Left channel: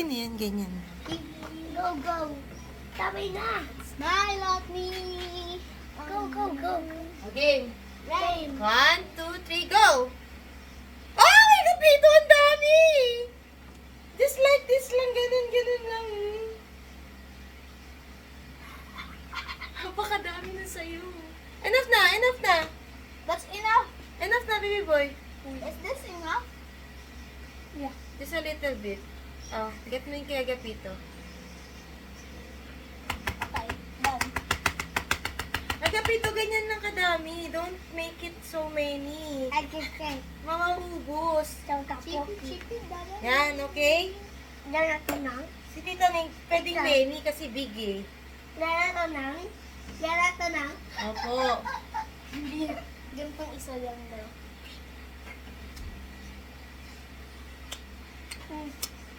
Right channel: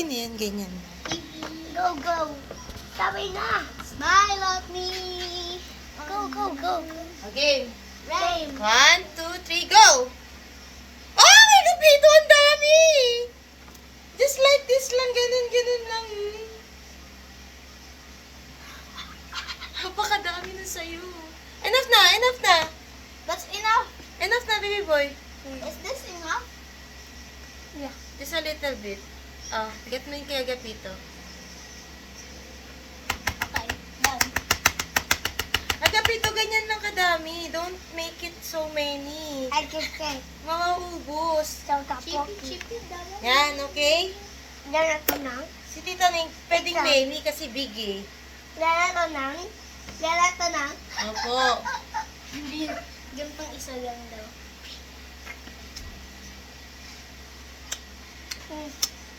Ganyan, ganyan. Go, go. Sabi na. Smile at me. Go, go, go. Okay. Rain. 1, 2, 3, go! Ah, may kapito! Ang dami! Just like this lang, ganun, ganun lang. Napakadami na sa'yo. Enough na, enough na. That's enough. Enough na, baby boy. Is this enough? Yeah. Just a little bit. Oh, get mo yung kay Agapito. Okay, done. Agapito, ganyan lang kadami. Don't make it so many. I just say. Mauubos. So, chippy, chippy, done. Yan, okay? Done ito na. Si Tita Ning, pwedeng Isa. many kasi big eh. Done ito na. Done ito na. Opo. Hindi. Ganitong isa lang daw.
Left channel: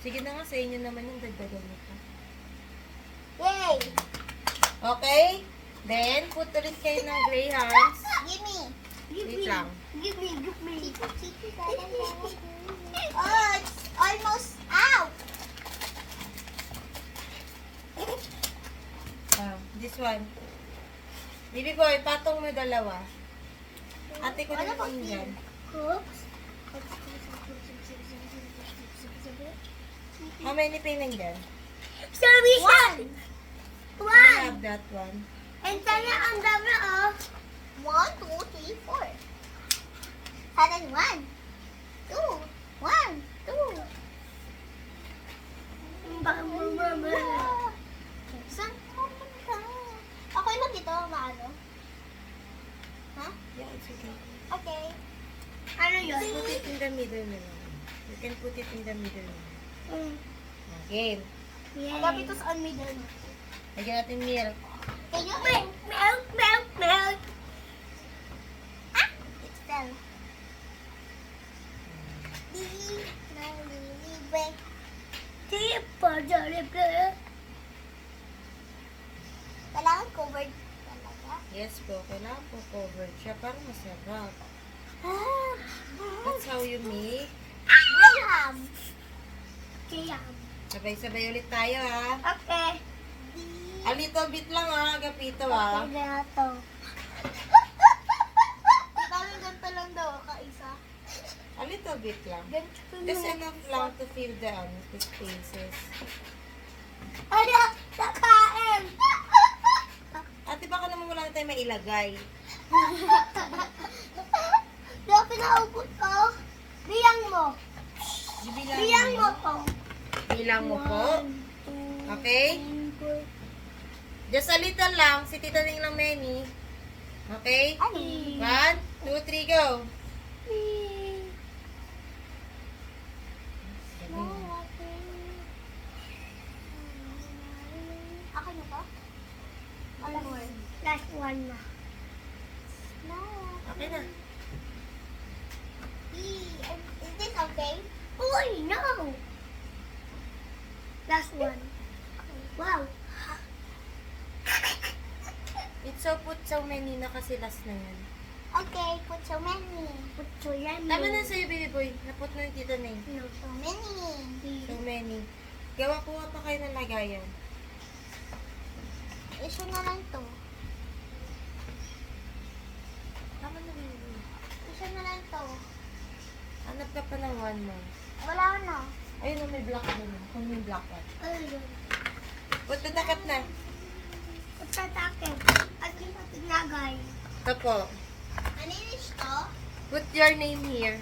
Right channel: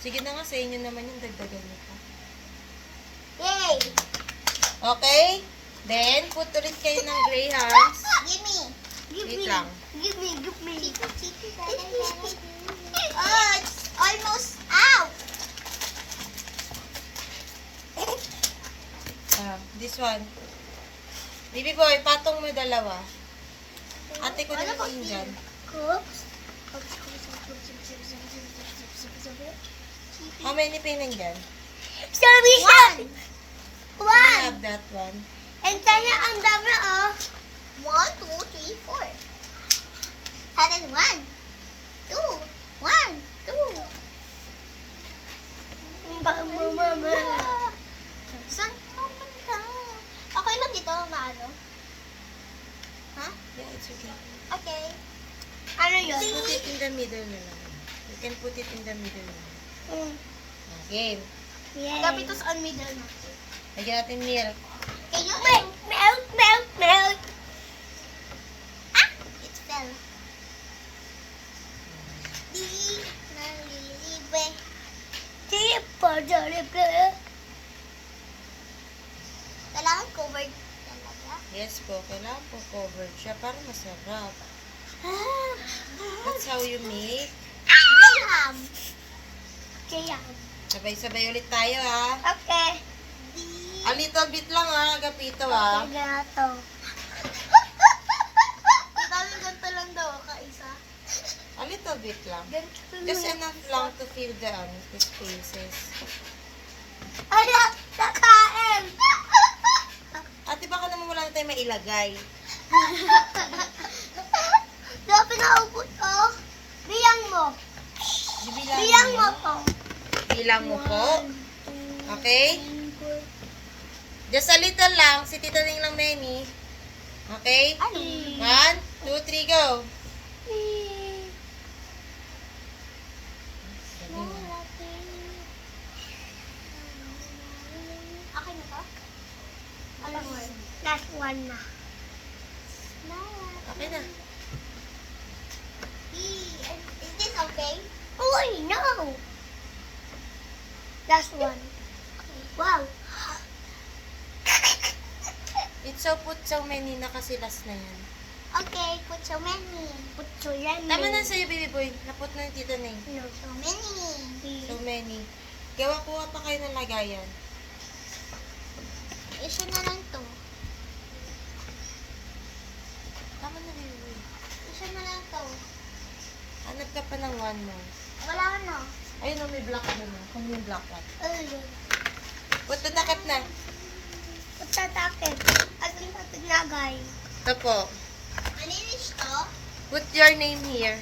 Sige na nga, sa inyo naman yung dagdagan mo pa. Yay! Okay? Then, put ulit kayo ng grahams. Give me. Give Wait me. lang. Give me. Give me. Oh, it's almost out. This one. Baby boy, patong mo dalawa. Ate ko Ano naman ba yung dyan. Cooks. How many pa yun dyan? One. I One. have that one. And then ang dami oh. 1, 2, 3, 4. And then 1, 2, 1, 2. Baka mo mama. Saan ka punta? Okay lang dito, maano? Ha? Yeah, it's okay. Okay. Ano yun? Put it in the middle na lang. You can put it in the middle na. Okay. Dapat ito sa middle natin. Lagyan natin milk. Can you milk, milk, milk? Ah! It fell. Di nalilibe. Di pa nalilibe. Kailangan covered talaga. Yes po, kailangan po covered siya para masarap. That's how you make. Graham. Graham. Sabay-sabay ulit tayo ha. Okay. A little bit lang ha, Agapito ha. Gato. Dami ganito lang daw, kaisa. A little bit lang. Ganito Just enough lang to fill the spaces. Ano? Nakain! Ate, baka naman wala na tayo mailagay. Dapat pinaubos ko. Biyang mo. Biyang mo to. Bilang mo po. Okay? Just a little lang. Si Tita Ning lang many. Okay? 1, 2, 3, go. Okay na po? Last one na. Okay na. Is this okay? Oh, no! Last one. Wow. It's so put so many na kasi last na yan. Okay, put so many. Put so many. Tama na sa'yo, baby boy. Naput na yung Tita Ning. No, so many. So many. Gawa-kuha pa kayo ng lagayan. Isa na lang to. Tama na, baby boy. Isa na lang to. Hanap ka pa ng one more. Wala na. Ayun o, may black doon. Kung yung black one. Ayun. Put the takip na. Pagtatakit. At yung patinagay. Ito po. Maninis to? Put your name here.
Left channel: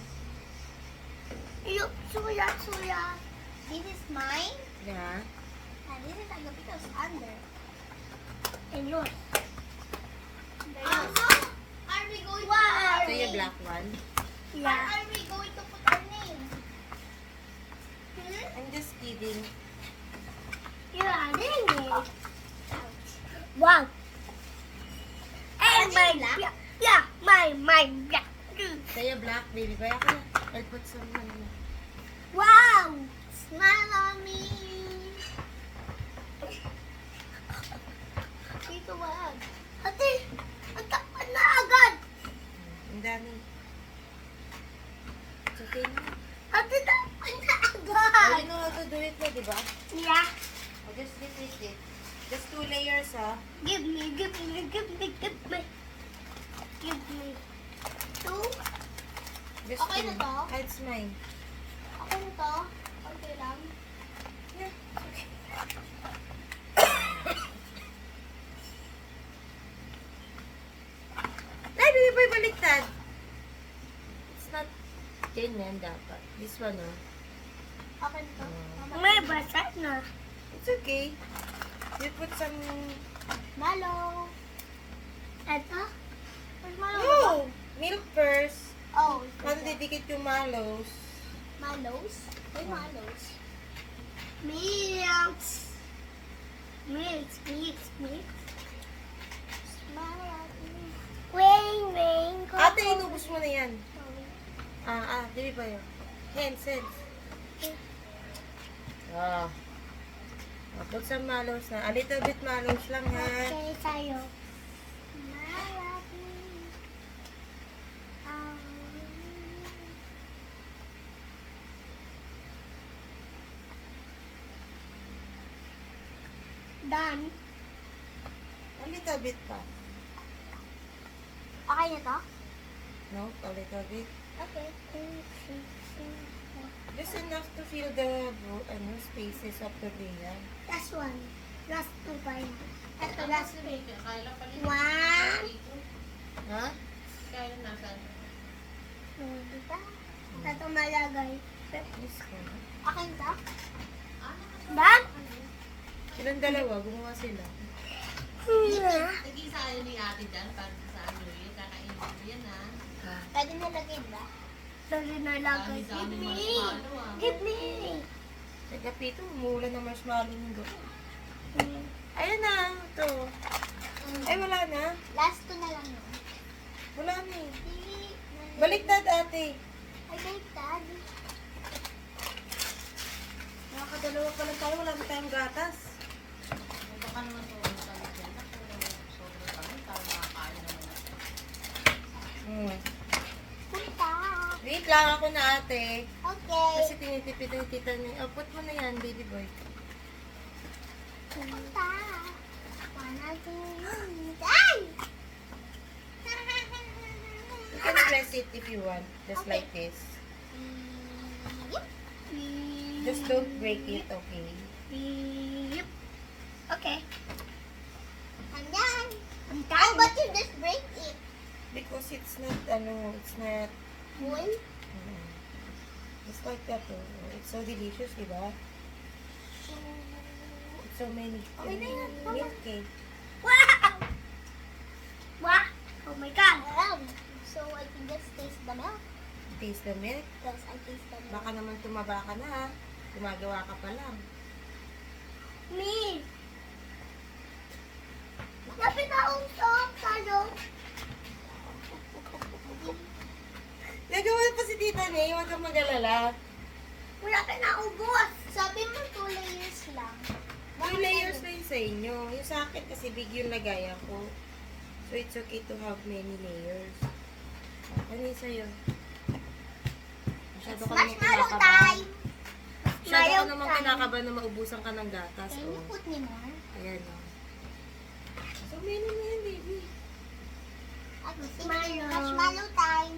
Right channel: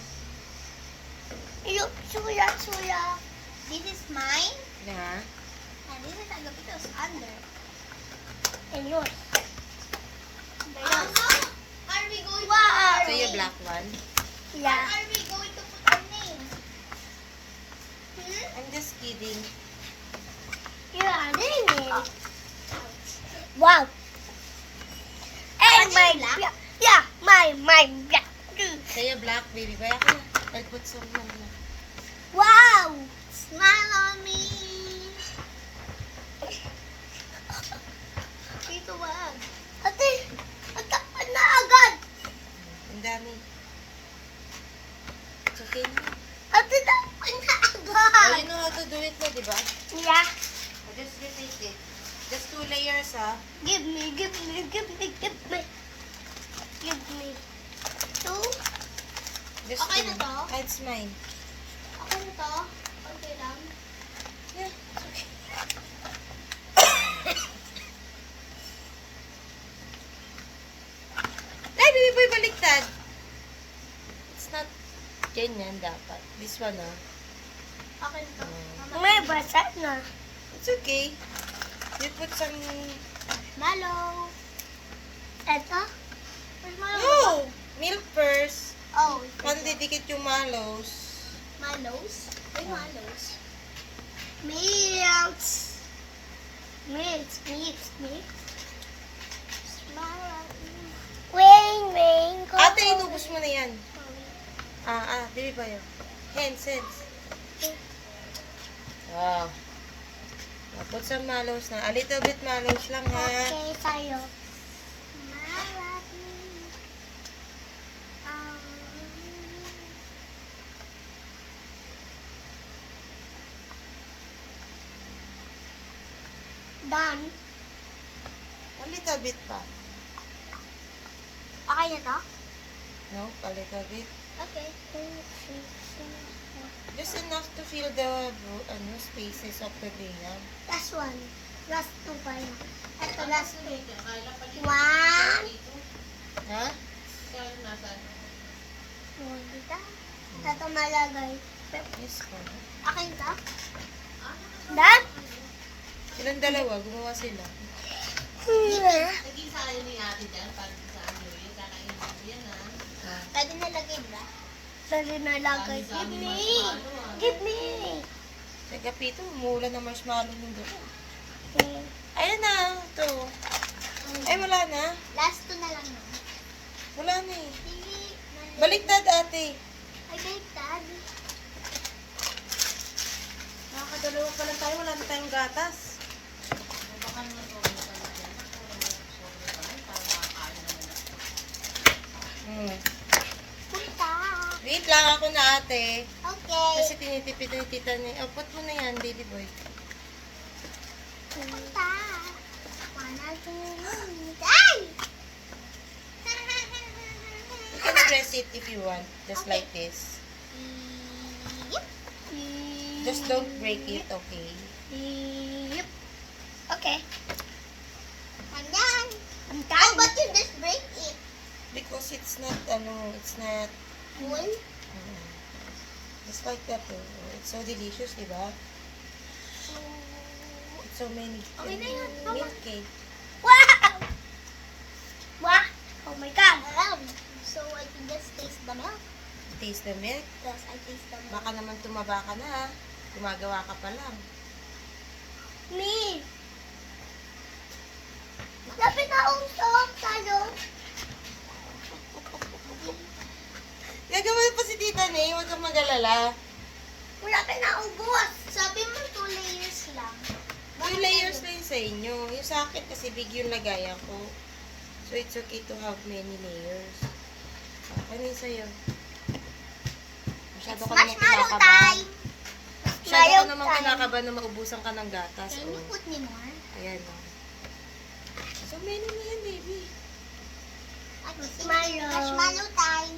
Yung suya, suya. This is mine. Yeah. And this is Agapito's under. And yours. Are we going to... So yung black one. Yeah. Are we going to put our name? I'm just kidding. Yeah, name. Wow. And my black? Yeah, my black. Kaya black, baby boy. Ako na. I'll put some na. Wow! Smile on me. Dito wag. Ate, na agad. Ang dami. It's okay na. Ate, na agad. Oh, you know how to do it na, di ba? Yeah. Just repeat it. Just 2 layers, ha? Give me. Give me. Two. Just Okay na 2. to? Ah, it's mine. Okay na to. Okay lang. Yeah, okay. Ay, baby boy, baliktad. It's not ganyan dapat. This one, oh. Okay na to. May basa na. It's okay. You put some... Malo. Eto? Mas malo ba? No! Milk first. Oh. Paano didikit yung malos? Malos? Ay, malos. Milk. Wing. Ate, inubos mo na yan. Baby boy, oh. Hands. Ah. Put some malos na. A little bit malos lang, ha? Okay, tayo. Done. A little bit pa. Okay na to? No? A little bit. Okay. Just enough to fill the spaces of the layer. Last one. Last two pa yun. Ito, last two. One. Ha? Dito. Ito malagay. Yes, po. Akin to? Done? Silang dalawa, gumawa sila. Naging sayo ni ate dyan, pag sa ano yun, kakainin mo yan ha. Pwede nalagay ba? Pwede nalagay. Give me. Give me. Teka, Pito, umuulan ng marshmallow nung doon. Ayan na, ito. Ay, wala na. Last two na lang yun. Wala na eh. Hindi. Baliktad, ate. Ay, baliktad. Nakakadalawa pa lang tayo, wala na tayong gatas. Baka naman sobrang kami dyan. Sobrang kami, para makakain naman. Punta. Wait lang ako na, ate. Okay. Kasi tinitipid ni tita niya. Oh, put mo na yan, baby boy. Punta. Wanna do it. Ay! You can press it if you want, just Okay. like this. Yep. Just don't break it, okay? Yep. Okay. I'm done. I'm done. How about you just break it? Because it's not, it's not, Full? just like that, oh. It's so delicious, di ba? It's so many, Okay na yun, tama. milk cake. Wow! Wow! Oh my God! So I can just taste the milk. Taste the milk. Yes, I taste the milk. Baka naman tumaba ka na, ha? Gumagawa ka pa lang. Me! Lapit na usok, salon. Gagawa pa si Tita Nay, huwag kang mag-alala. Wala ka na ubos. Sabi mo 2 layers lang. 2 layers na yun sa inyo. Yung sa akin kasi big yung lagayan ko. So it's okay to have many layers. Ano yung sa'yo? Masyado ka naman Marshmallow kinakabahan. time! Masyado ka naman kinakabahan na maubusan ka ng gatas. Can you Oh. put me more? Ayan o. So many na yan, baby. Marshmallow time!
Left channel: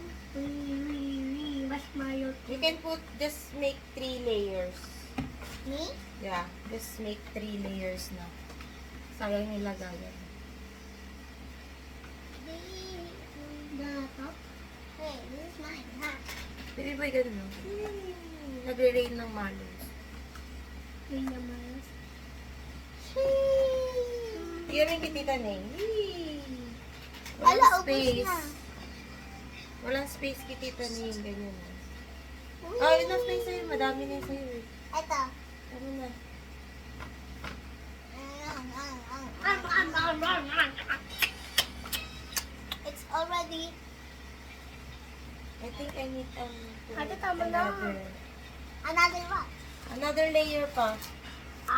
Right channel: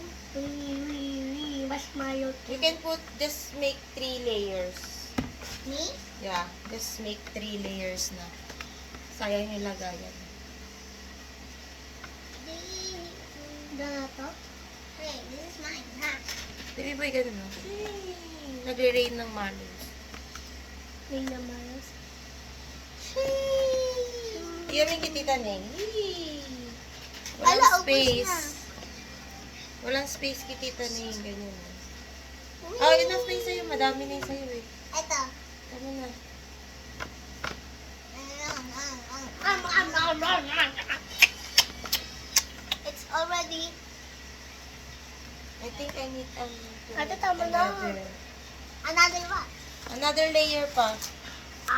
Marshmallow You can just make 3 layers. Me? Yeah, just make 3 layers na. Sayang yung lagayan. The top? Hey, this is mine, ha? Baby boy, ganun o. Nagre-rain ng malos. May naman. Iyamin kay Tita Neng. Yee! Ala, Walang ubos space. na. Walang space kay Tita Neng. Ganyan. Whee! Enough na yung sa'yo. Madami na yung sa'yo eh. Ito. Ano na? It's already. I think I need Ate, tama na. Another what? another layer pa.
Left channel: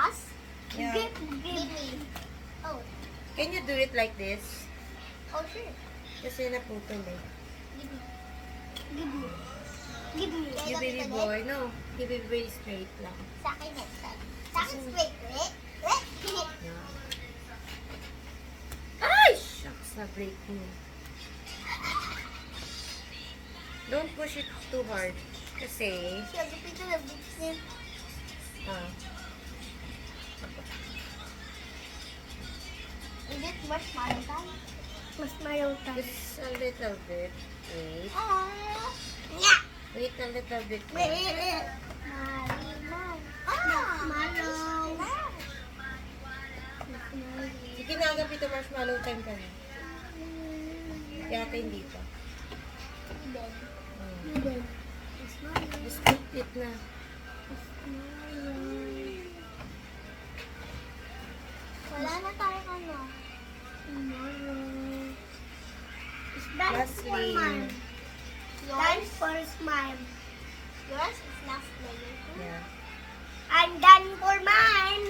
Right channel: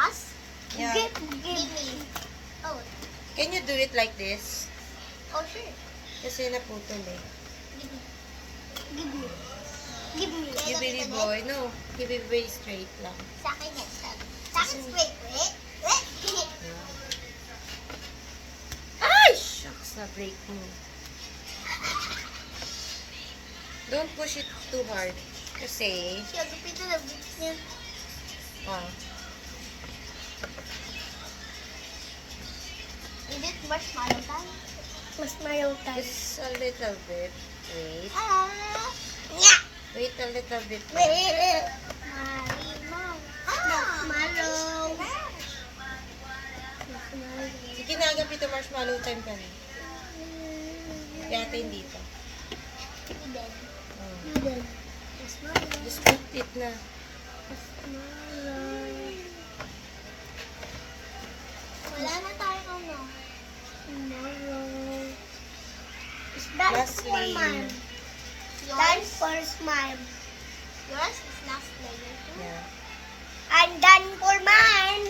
Us? Yeah. Give me. Oh. Can you do it like this? Oh, sure. Kasi naputol eh. Give me. Give me. Give me. You baby boy. No. You baby boy straight lang. Sa akin next time. Sa Wait, wait, wait. Ay! Shucks, na-break mo. Don't push it too hard. Kasi, Siya, gupitin na books niya. ah, Is it marshmallow time? Marshmallow time. just a little bit. Wait. Yeah. Wait a little bit. Wait. Marshmallow. Marshmallow. Sige na, agad ito marshmallow time ka na. Kaya ate hindi pa. Oh. Just put it na. Wala na tayong ano. Tomorrow. Is that Last for layer. mine? Done for mine. Yours is last layer too. Yeah. I'm done for mine.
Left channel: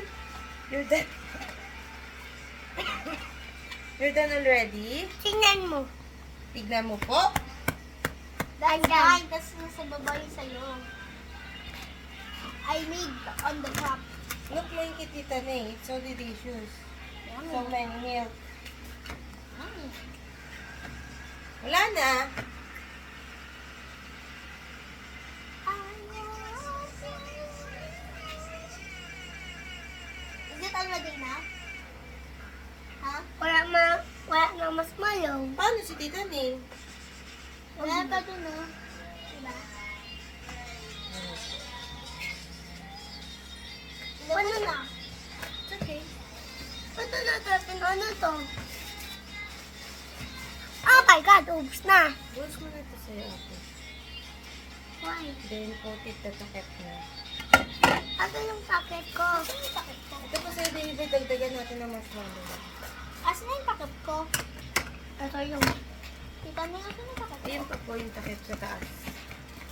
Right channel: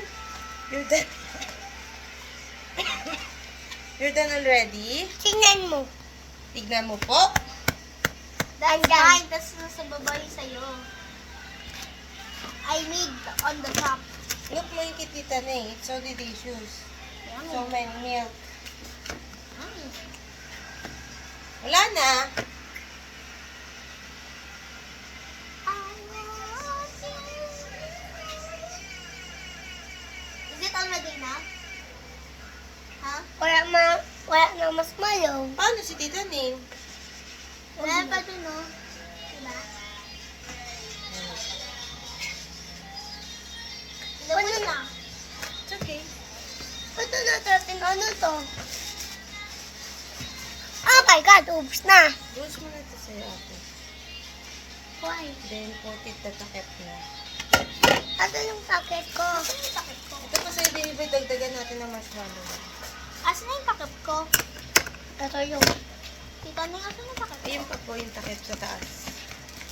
You're done. You're done already? Tingnan mo. Tignan mo po. That's mine. That's nasa baba yung sa'yo. I made on the top. Look, may kitita na eh. It's so delicious. So Yummy. many milk. Yummy. Wala na. Is it already enough? Ha? Wala na mas malaw. Paano si Tita Ning? Wala pa dun, no? Diba? Ano na? It's okay. Ito na natin, ano to? Oh my God, oops na. Buhos mo na ito sa'yo, ate. Why? Then, put it na takip na. Ano yung takip ko? Asan yung takip ko? Ito pa sa'yo, baby, dagdagan natin ng marshmallow. Asan yung takip ko? Ito yung... Tita Ning, asan yung takip ko? Ayun pa po yung takip sa taas.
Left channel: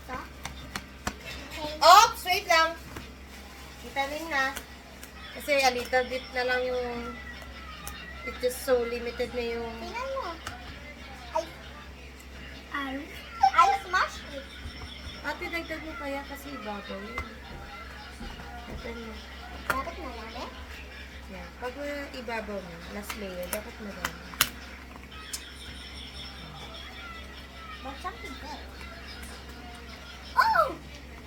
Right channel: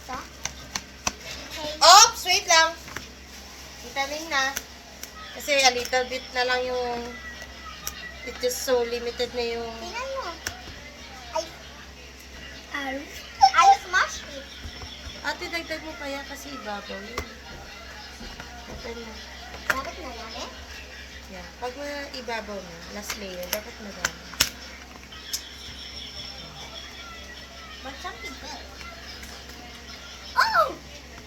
Ito? Okay. Oops! Wait lang! Tita Ning na. Kasi a little bit na lang yung... It is so limited na yung... Tingnan mo. I smashed it. Ate, dagdag mo pa yan kasi ibabaw yun. Open mo. Dapat na yan eh. Yan. Pag ibabaw na, last layer, dapat madami. But something good. Oh!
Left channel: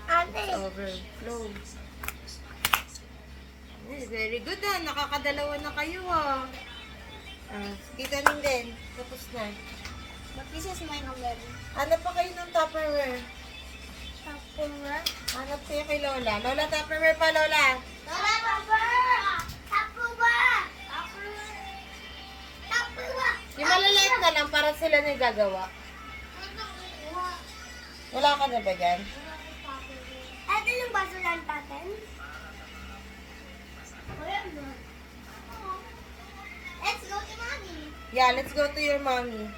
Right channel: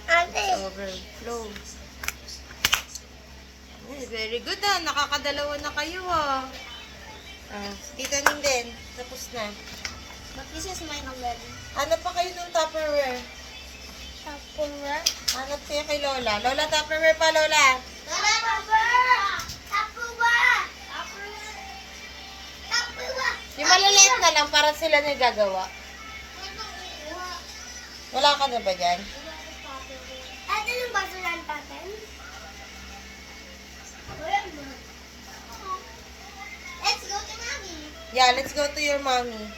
Ate! Overflow. Very good ah. Nakakadalawa na kayo ah. Tita Ning din. Tapos na. But this is mine already. Hanap pa kayo ng Tupperware. Tupperware? Hanap kayo kay Lola. Lola, Tupperware pa, Lola. Tupperware! Tupperware! Tupperware! Yung malaliit na lang para sila na gagawa. Wala ka na ba dyan? Ito yung basuran pattern. Let's go to mommy. Yeah, let's go to your mommy.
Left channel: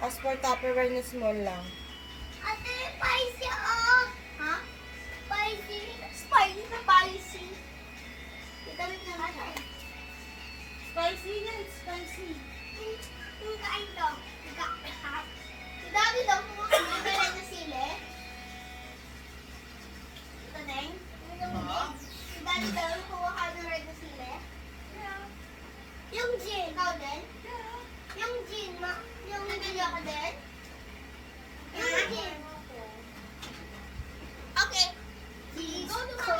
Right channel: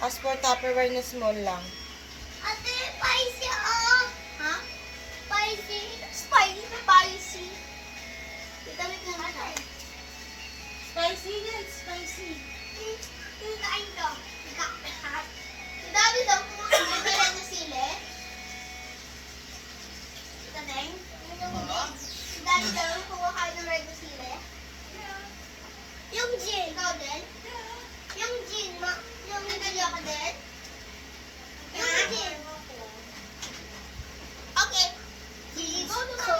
Ask for Tupperware na small lang. Ate, spicy oh! Ha? Spicy? Spicy na spicy. Itamit na natin. Spicy na, it's spicy. Yung kain ko. Ang dami daw kumakain na sili. Ito din. Ang dami daw kumakain ng red na sili. Yung gin. Ikaw din? Yung gin. Yung nagaliwa ka din? Yung gin. Okay. Cheese. Look for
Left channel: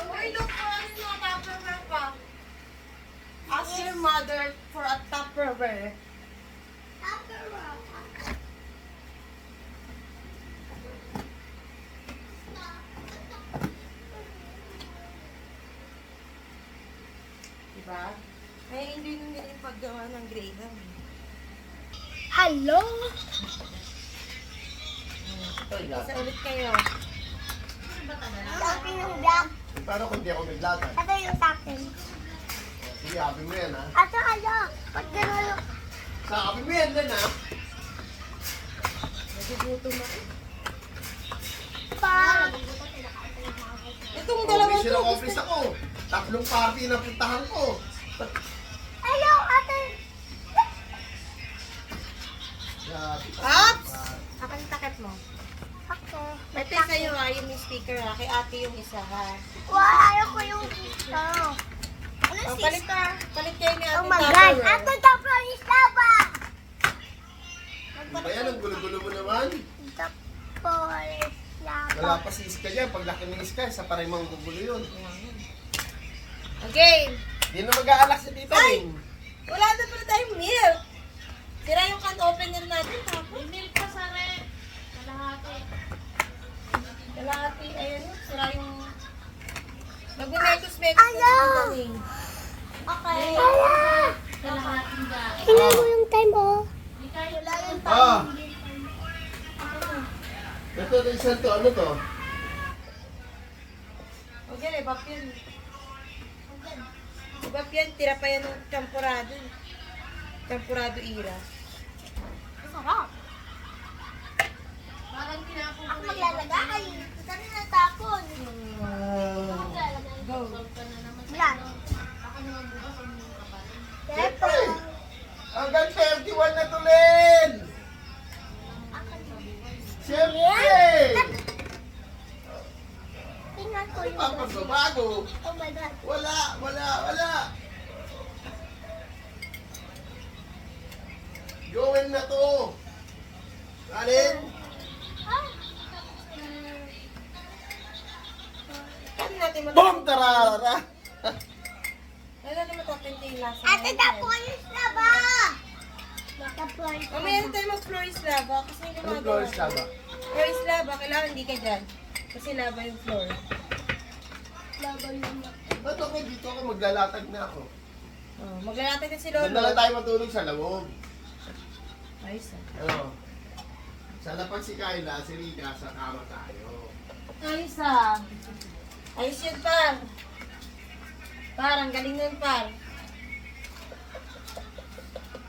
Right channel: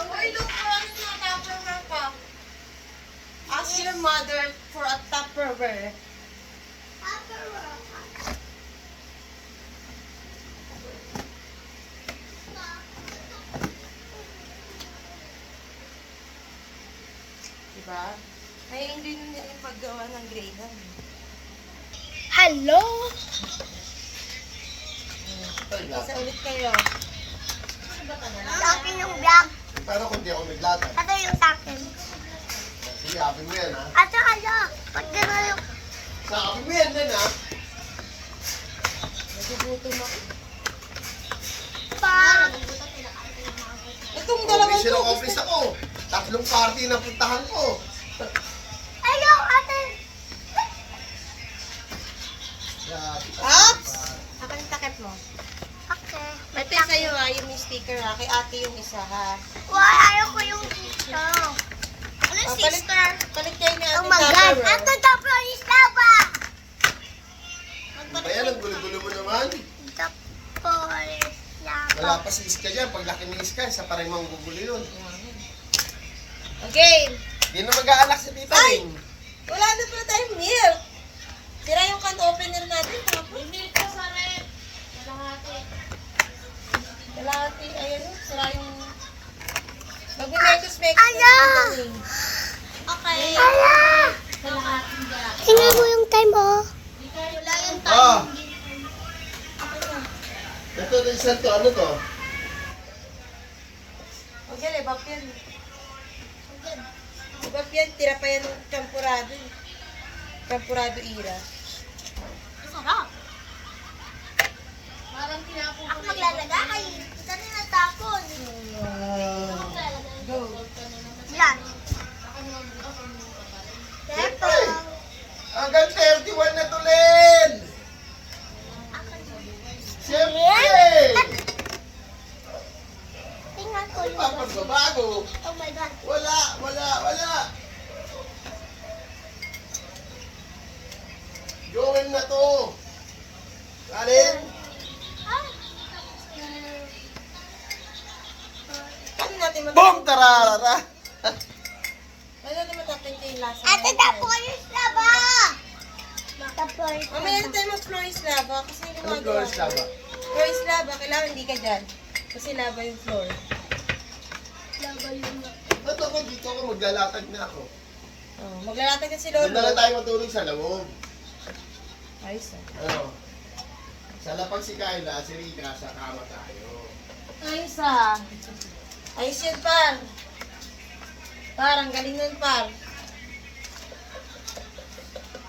us na Tupperware pa. Ask your mother for a Tupperware. Diba? Ay, hindi nila yung paggawa ng Graham. Hello? Isa ulit kayo. Sa akin yung black. Pero kung di ako naglagan, Ito yung sa akin. sige, sabi mo yan ha. Ate, ala. Ba't gano'n yung... Sabi mo yan din ha. Nagugutom ako. Pa... Itong Oh, dalawang mission to, accomplished ako. 3 party na puntahan ko. Ayaw, ate. Ops! Akin yung takip mo. Okay. Ito yung sa'yo ha, yung may sticker ha. Kay ate yung isa ha. Why ayaw ko yung dito? Palit kayo ni Ate Oh my God! Tupperware. Ito the Flores Lava! Ano ba yan? Ang gulo-gulo mo naman. The Flores Lava. Wala pa si Iska dyan. Pag laki ni Iska, isa pa rin mga gugulo yun. Okay. Hindi na mag-aalak si Tita Ay! Ling. Wala na pala tayong milk. Tira yung can opener natin. Tapos. Milk ka sa red. Kalahati. Kalahati. Ayun. Sira yung... Mag-mekos-mekos. Ayaw! Okay. Kalahating ga. Tingnan mo yung time, oh. Wala yung Ah! Ito, isa to. Ano to? Okay, ibap yan. Ibap yan. Tira pa yan ng champurado. Champurado ira. Sarap. Parang tinapon Ako maglalagay. Ito na natapon. Maglalagay. Go. Yan. Siyempre! Hanggang 31 na to, Len! Siyempre! Tingnan ko yung... Papagbabago! Oh my God. Wala! Joel na to! Alin? Ano natin Boom! Tarara! Ano natin matapinti yung lasa? Ate, the Flores Lava! The Flores Mamaya na tayo mag-Flores lava kasi yung Anong gumagawa. Flores lava? Flores lava, kailangan hindi ka dyan. Kasi lava yung floor. Lava yung... Ba't ako dito ako maglalatag na ako? Oh, maglalatag na si Doon na lang Lolo. tayo matulog sa loob. Ayos ah. Ano? Sa lapag si Kyla, si Rita, sa kama tayo. Ayos ah. Ayos yun, par. Par, ang galing nun, par.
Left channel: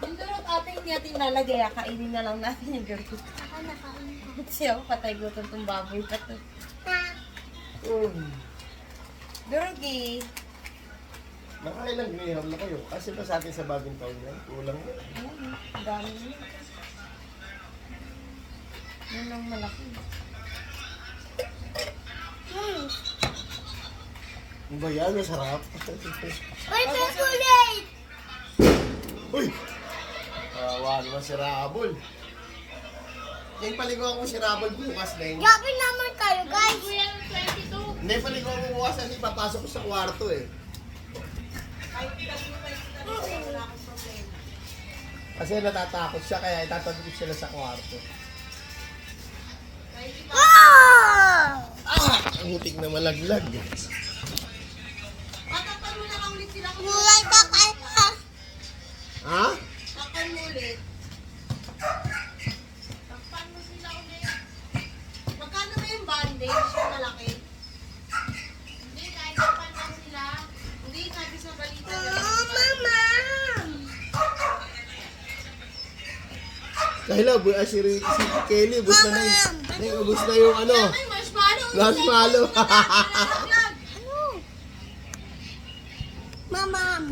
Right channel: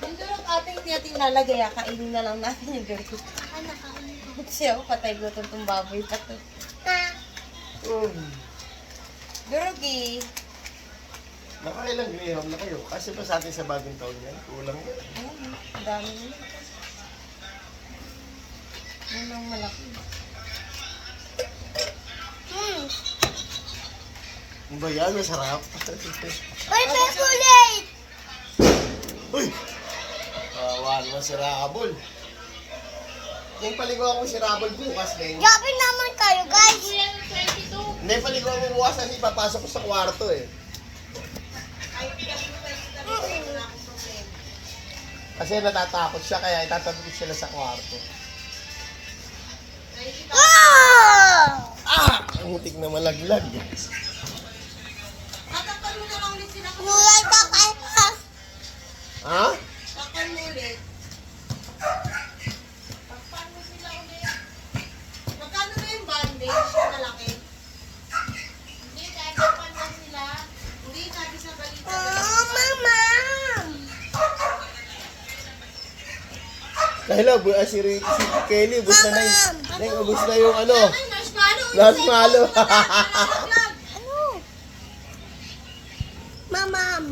Yung durog ating hindi natin lalagay, kainin na lang natin yung durog. Kasi ako patay gutom tong baboy pa to. Durog eh. Nakailang graham na kayo. Kasi pa sa atin sa bagong taon yan. Kulang na. Ayun, ang dami nyo. Yan ang malaki. Ano ba yan? Masarap. Uy, ulit! Uy! Wala naman si Rabol. Yung paliguan ko si Rabol bukas din. Grabe naman kayo, guys! Hindi, paliguan ko bukas kasi papasok ko sa kwarto eh. Kasi natatakot siya kaya itatabi ko sila sa kwarto. Ah! Ang hutik na malaglag. Tatakpan mo na lang ulit sila. Kulay ba kayo? Ha? Takpan mo ulit. Magkano ba yung bandage na malaki? Hindi, kahit dapat na sila. Hindi, sabi sa balita. Oh, mama! Kahila, si Kelly, ubus na na yung, ubus na yung ano. Ay, marshmallow! Last malo. Mamam!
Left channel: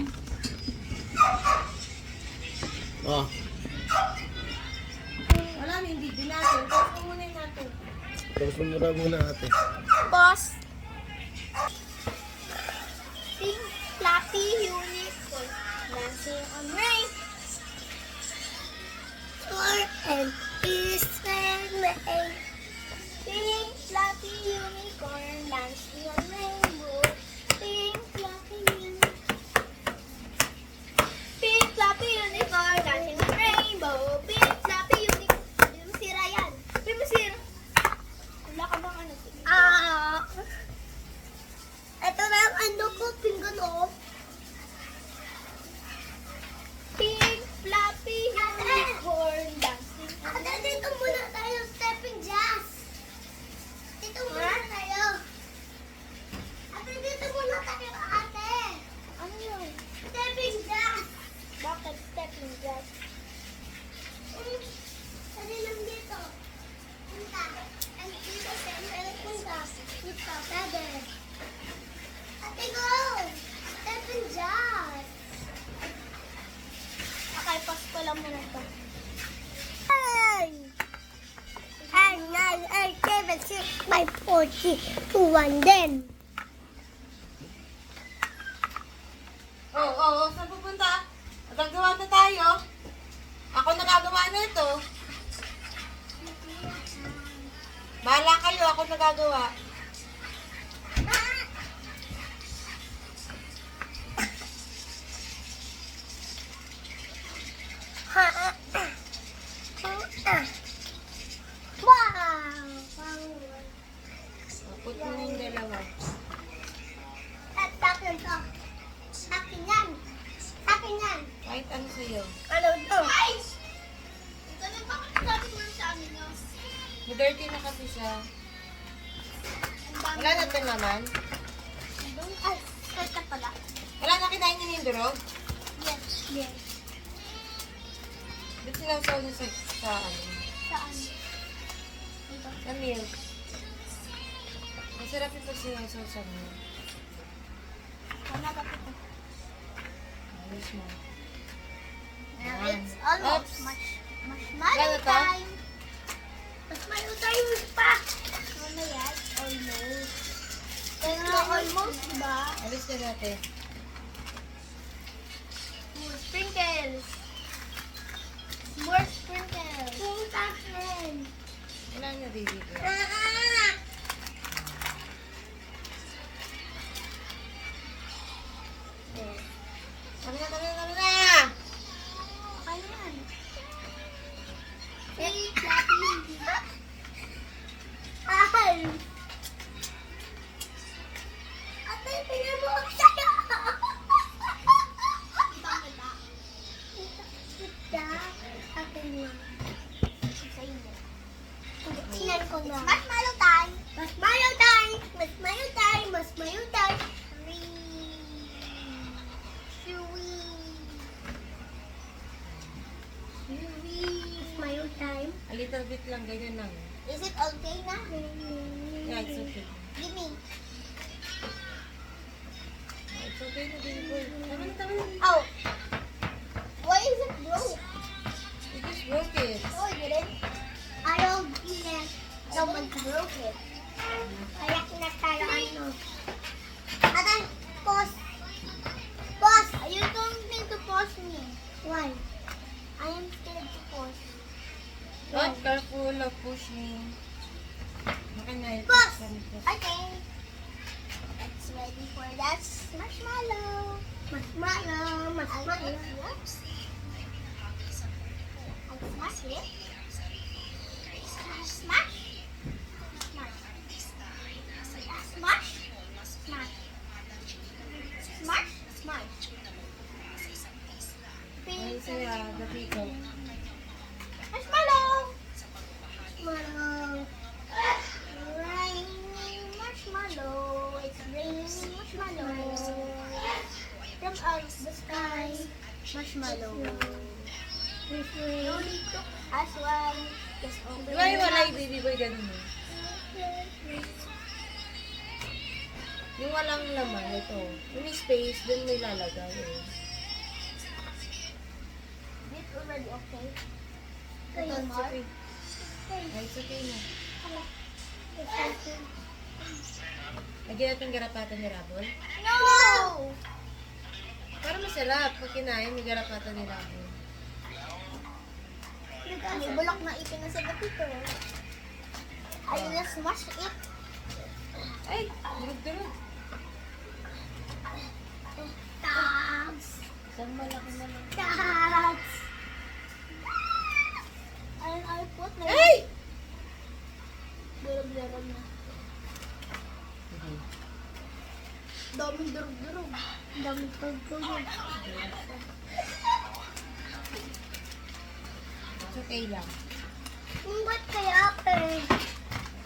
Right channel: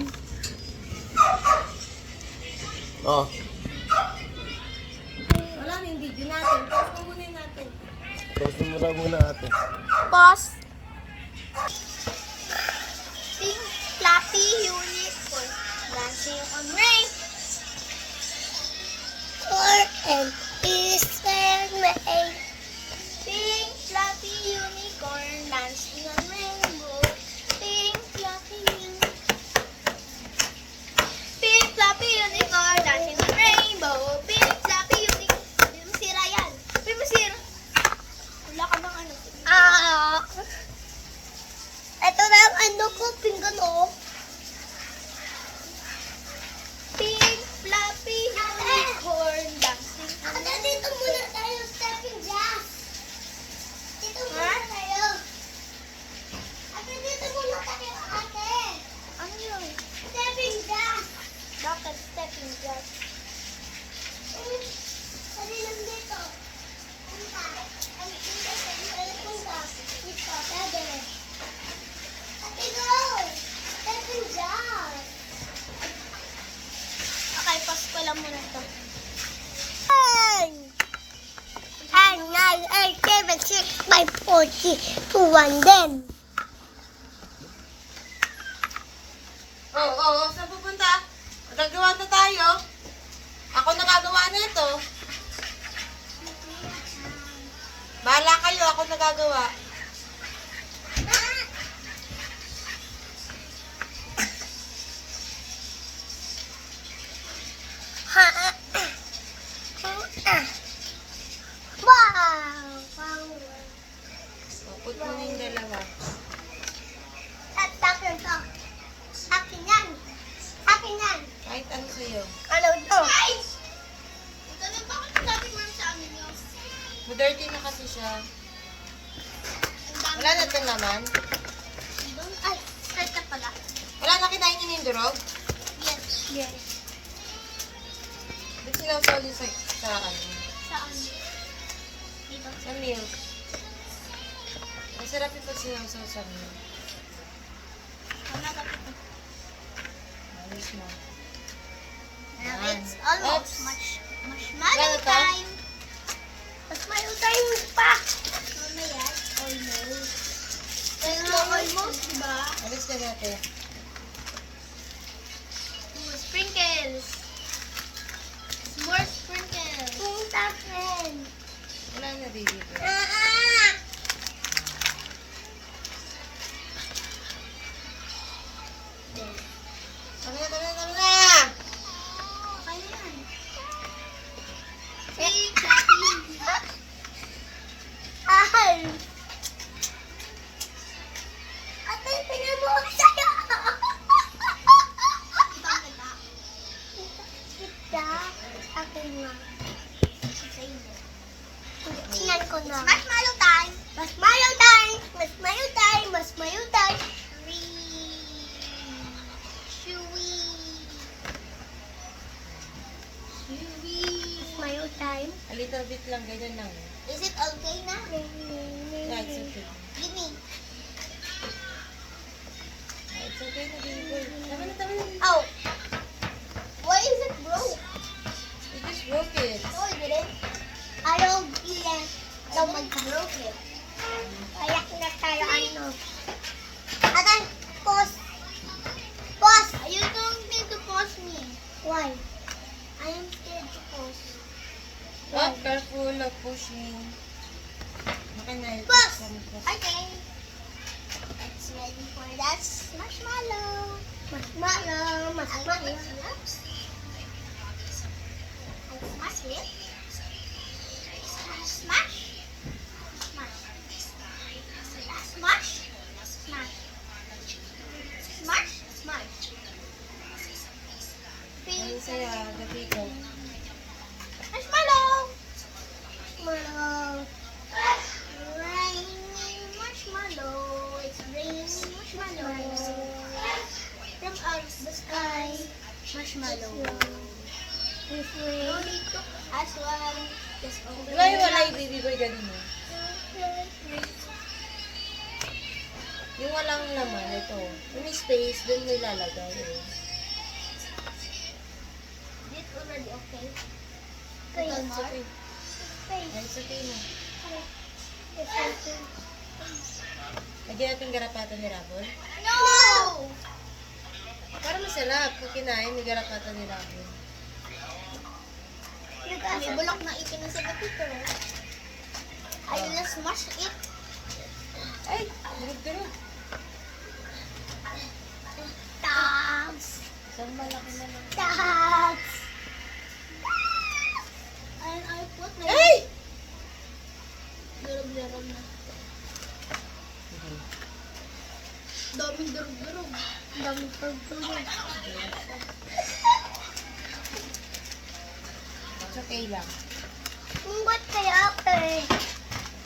Oh. Wala na yung video natin. Tapos kumunin natin. Tapos muna ate. Boss! Pink Fluffy Unicorn dancing on rain. And is rain. Pink Fluffy Unicorn dancing on rainbow. Pink Fluffy Unicorn. Pink Fluffy Unicorn dancing on rainbow. Pink Fluffy Unicorn. Hindi mo sira yan. Hindi mo sira. Wala ka bang ano? Ito na ang ano ko, pinggan o. Pink, fluffy, unicorn, dancing. Ate, dito muna tayo, stepping jazz. Dito muna tayo. Ate, dito muna tayo, ate. Ano yun? Stepping jazz. Bakit stepping jazz? Dali lang dito. Punta. Ay, dito tayo, punta. Dito, pwede. Ate, go! Stepping jazz. Okay, pause ko lang muna ito. 10, 9, 8, 7, 6, 5, 4, 3, 2, 1, then. Oh, Oh, saan pupunta? Gagawa na tayo. Ako nagagawa nito. Bahala kayo, ako nagagawa. Wow! Oh, put mo na yung dalawa. At akin to. Akin yan. Akin yan. Kahit ano sa'yo. Ano to? Ay! Ganun ba kung sabi mo sa amin yun? Dirty na kasi siya. Wala na ito naman. Doon? Ay, kahit na pala. Wala na kinain niyo yung durog. Yes. Yes. Dito sila sa ano. Saan? Dito. Sa milk. Masarap yung pag sinawsaw sa milk. Ano ka dito? Ayos mo. Now Yan. it's almost Oops. marshmallow Gano to? time. Marshmallow time pa. Ano yan? Almost. Pero almost, diba? Alis na natin. Sprinkles. More sprinkles. Sprinkles. Wala na, baby ko. Tama na, tama na, tama na! Ayan. Hey, clapping. Ay! Ate, tingnan mo ako sa'yo! Ibang ganda. Ganda. Akin nga. Sa'yo na. Tingnan ko na. Marshmallow time! Marshmallow time! Marshmallow time! Marshmallow time! Chewy! Marshmallow time. A little bit lang, ganyan lang. Is it okay na? Yeah, it's okay. Give me. Ah, it's okay na, baby boy. Tama na, tama na. Oh. Why is it broke? You just broke it. No, I didn't. I don't even know when to broke it. Kaya kinakayaan mo. Atan, pause. Pause. You don't need to pause me. Why? I am scared to pause. Not careful of pushing. Okay na yun. Pause. Okay. Let's ready for that marshmallow. Marshmallow. Marshmallow. I smash it. Smash. Smash. Smash. Smash. Smash. Smash. Smash. Ayun sa'yo, gabi ko. Marshmallow. Marshmallow. Raining marshmallow. It's raining marshmallow. From out the sky. Marshmallow. No need to ask one. Just open Wala yung wala yung baby boy ganun eh. Yung walang laman, ito. Yung may space, dun mo ilalagay eh. It already okay. Ito, it's okay. Ay, it's okay na. Lagyan natin garapatan ni Rabol. No! Para masarap. Kung kinain, may garapatan ni Rabol. May bulak na ipin na sa gatito. I will smash it. Ay, durog-durog. Tags! Isang malaki naman. Tags! And I put my... Ay! Durog-durog na. Daming durog-durog. Daming durog-durog. It's okay lang. Ba't kaya pe?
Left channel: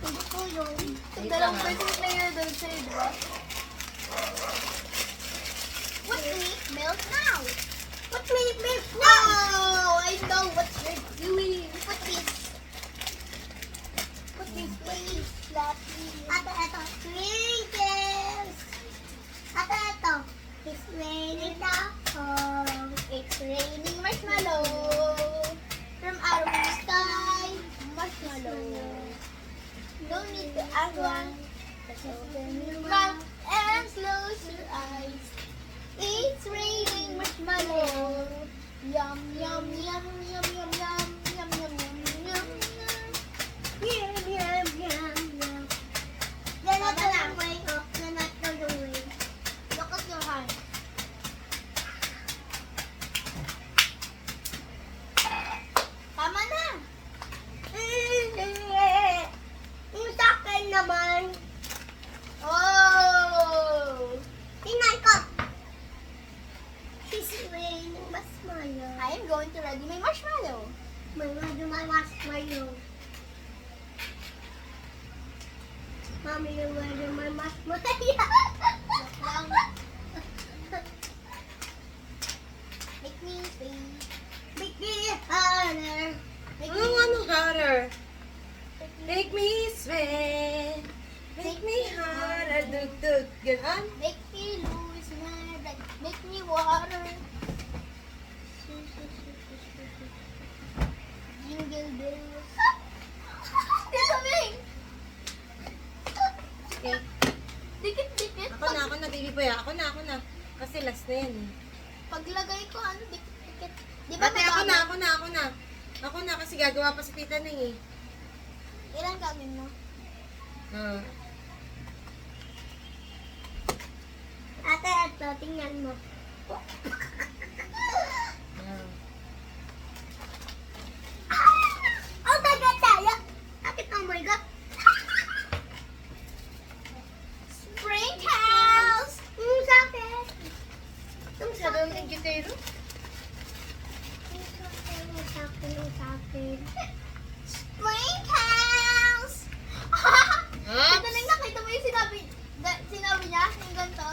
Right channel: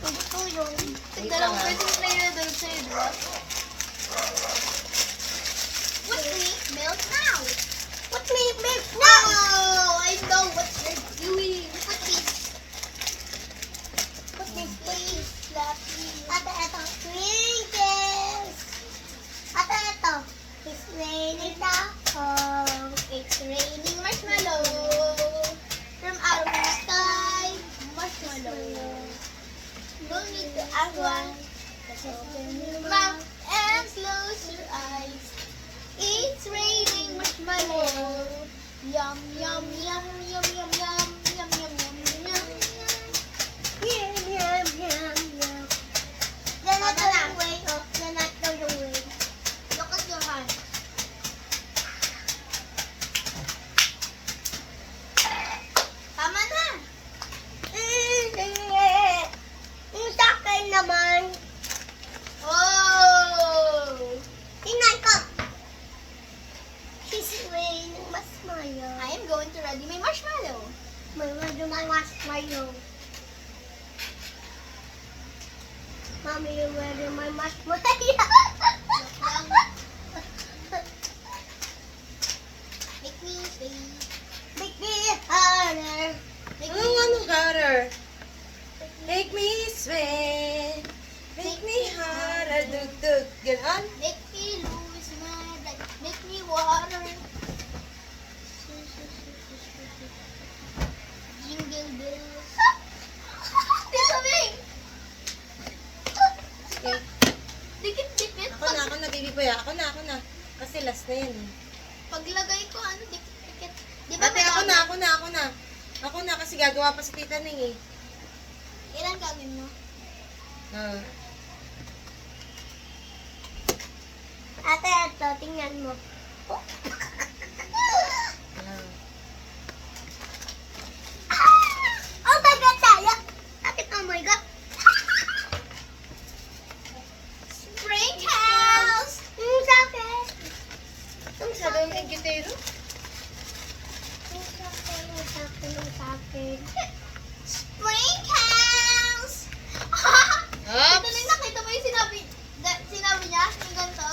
Hindi ko yun. Wait lang, ah. na yun doon sa'yo, di ba? What milk now? What milk now? I know what you're doing. Put this. Put this, please. Ate, ito. Sprinkles. Ate, ito. It's raining now. It's raining marshmallow. From out of the sky, marshmallow. No need to ask one. Just open your mouth and close your eyes. It's raining Yum, yum, yum, yum, yum, yum, yum, yum, yum, yum, yum. Yum, yum, yum, yum. Then I throw it away. Then I throw it away. Look at your hand. Tama na. Yung sa akin naman. Oh! Tingnan ko. She's wearing marshmallow. I am going to ready my marshmallow. My marshmallow. Mommy, you ready my marshmallow? Make me sweet. Make me harder. Make me ano harder? Make me sweat. Make me harder. Dug. Ganon? Make me lose my breath. Make me water. Jingle bells. Tita May! Okay. Dikit-dikit. Ako na, baby boy. Ako na. Kasi last na yan. Paglagay ko, ano, dikit-dikit. Di ba Ate, ako na. Ako na kasi gagawa pa si Tita Ning eh. Ilan gagawin mo? Ah. Ate, ito, tingnan mo. Oh my God, tayo! Bakit oh my God? Sprinkles! Sakit! Sa doon yung gitero? Sakit. Sprinkles! Ito lang nakita mo yung sinabi niya? Yung ganito?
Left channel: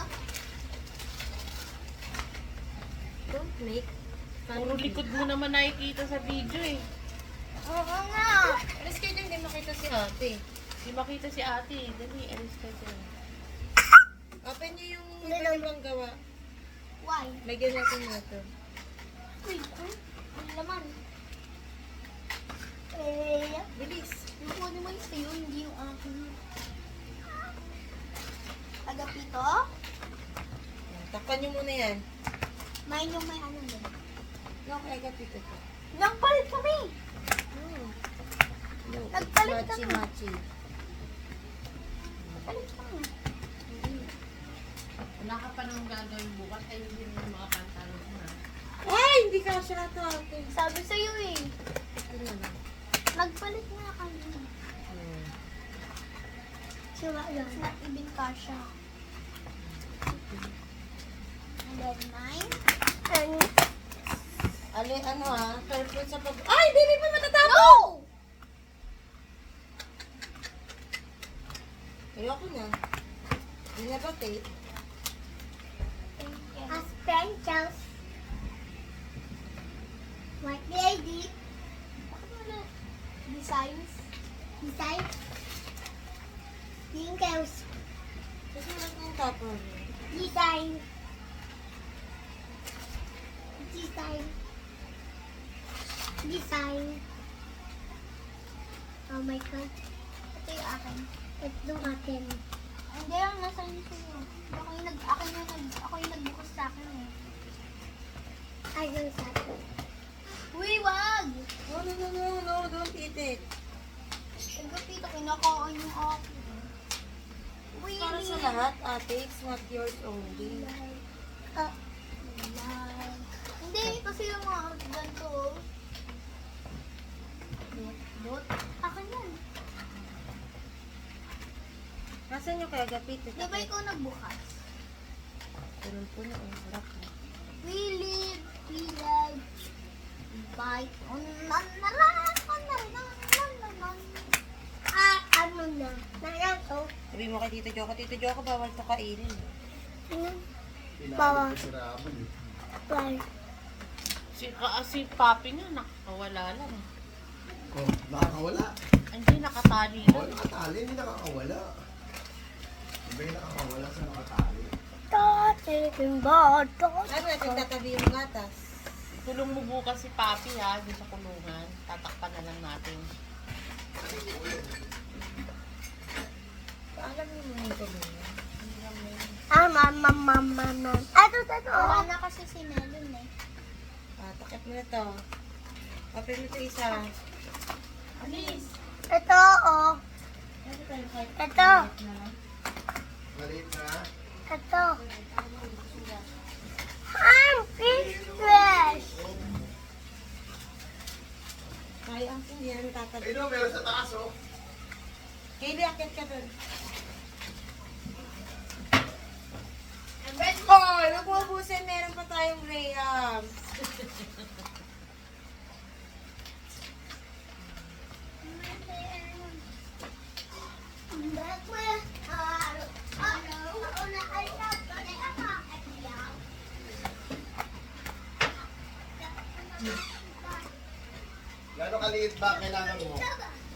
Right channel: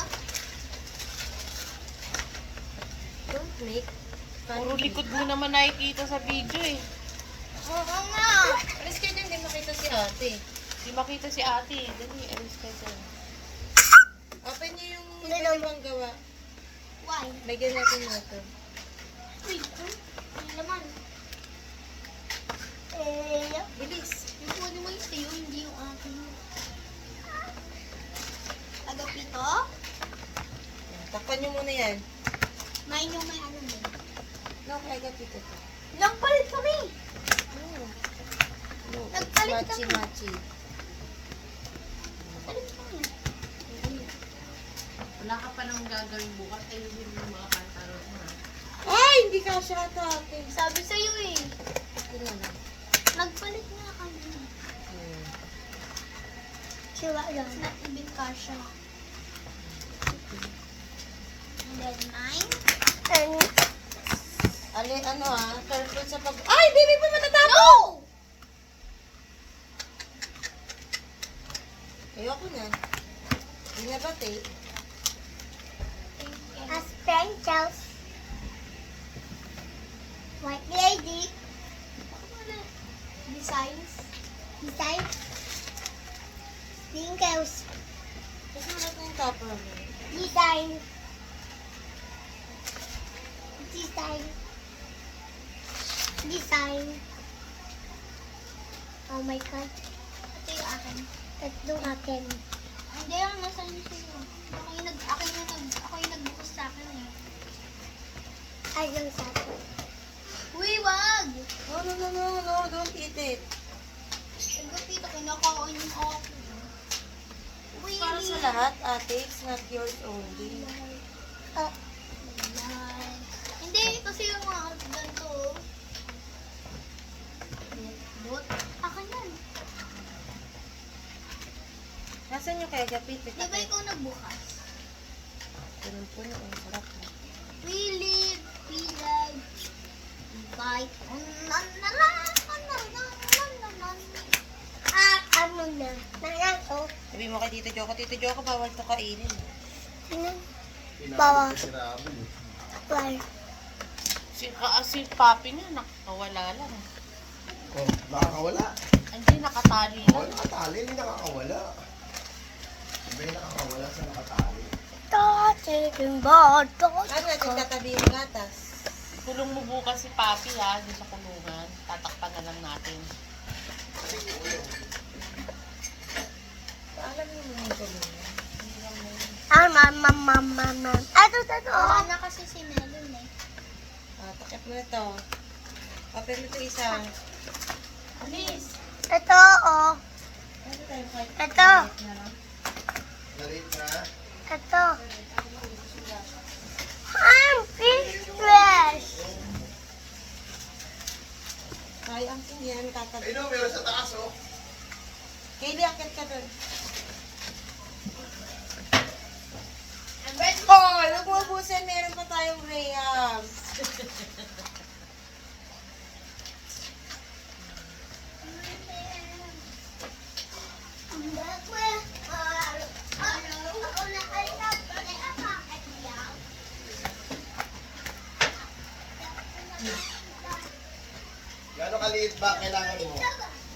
Don't make Puro likod mo naman nakikita sa video eh. Oo nga. Alis kayo dyan, hindi makita si ate. Di makita si ate. Dali, alis ka dyan. Open niyo yung Hindi pwede pang gawa. Why? Lagyan natin ito. Uy, ang laman. Eh, Bilis. yung kunin mo yung sa'yo, hindi yung akin. Agapito? Takpan niyo muna yan. Main yung may ano din. No, kaya gapito to. Nagpalit kami! No. Nagpalit kami. Machi. Nagpalit kami. Wala ka pa nang gagawin bukas. Ayun din yung mga kantarot mo. Ay, hindi ka siya ito ate. Sabi sa'yo eh. Ito na lang. Nagpalit na kami. Sure yun. It's not even kasha. And then mine. Ali, ano ah, careful sa pag... Ay, baby pa matatapos! No! Ayoko na. Hindi na ba, te? As sprinkles. White lady. Designs. Sprinkles. Kasi wala tayong topper. Design. Oh my God. Ito yung akin. Tatlong akin. Hindi, ang nasa inyo sa'yo. Ako yung nagbukas sa akin eh. Ay, yung sa akin. Uy, wag! No, don't eat it. Ang gapito, kinakain yung ako. Uy, Para sa lahat, ate, it's not yours only. Hindi, kasi yung mga ganito. Dot. Akin yan. Nasaan yung kaya gapito? Di ba ikaw nagbukas? Ganun po na, ang sarap. We live, bite on ano na? Nanako. Sabi mo kay Tito Joko, bawal to kainin. Bawa. Pinalo ko si Rabol. Why? Si Papi nga, nakakawala lang. Oh, nakakawala. Hindi, nakatali Oh, lang. nakatali, hindi nakakawala. Hindi nakakawala sa nakatali. Ano natin tatabi yung gatas? Kulong mo bukas si Papi ha, doon sa kulungan. Tatakpan na lang natin. Alam niyo mo yung tulungan. Ito. Wala na kasi si Melon eh. Ano ito? Open mo ito isa. Ito, oh. Ito. Maliit na. Ito. Fish fresh. Kaya ang yan, kakad. Ay no, meron sa taas oh. Kayli, akit ka dun. Oh, huwag mo ubusin. Meron pa tayong graham. Gano'ng kaliit ba kailangan mo?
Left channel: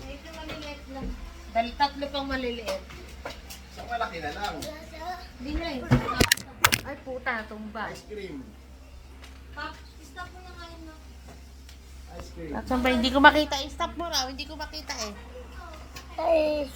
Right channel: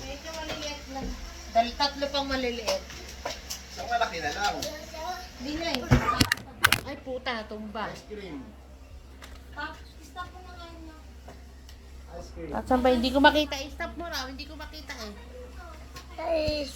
Medyo maliliit lang. Dahil tatlo pang maliliit. Isang malaki na lang. Hindi na eh. Ay puta, tumba. Ice cream. Stop mo na kain na. Ice cream. At saan ba? Hindi ko makita. Stop mo raw. Hindi ko makita eh. Guys,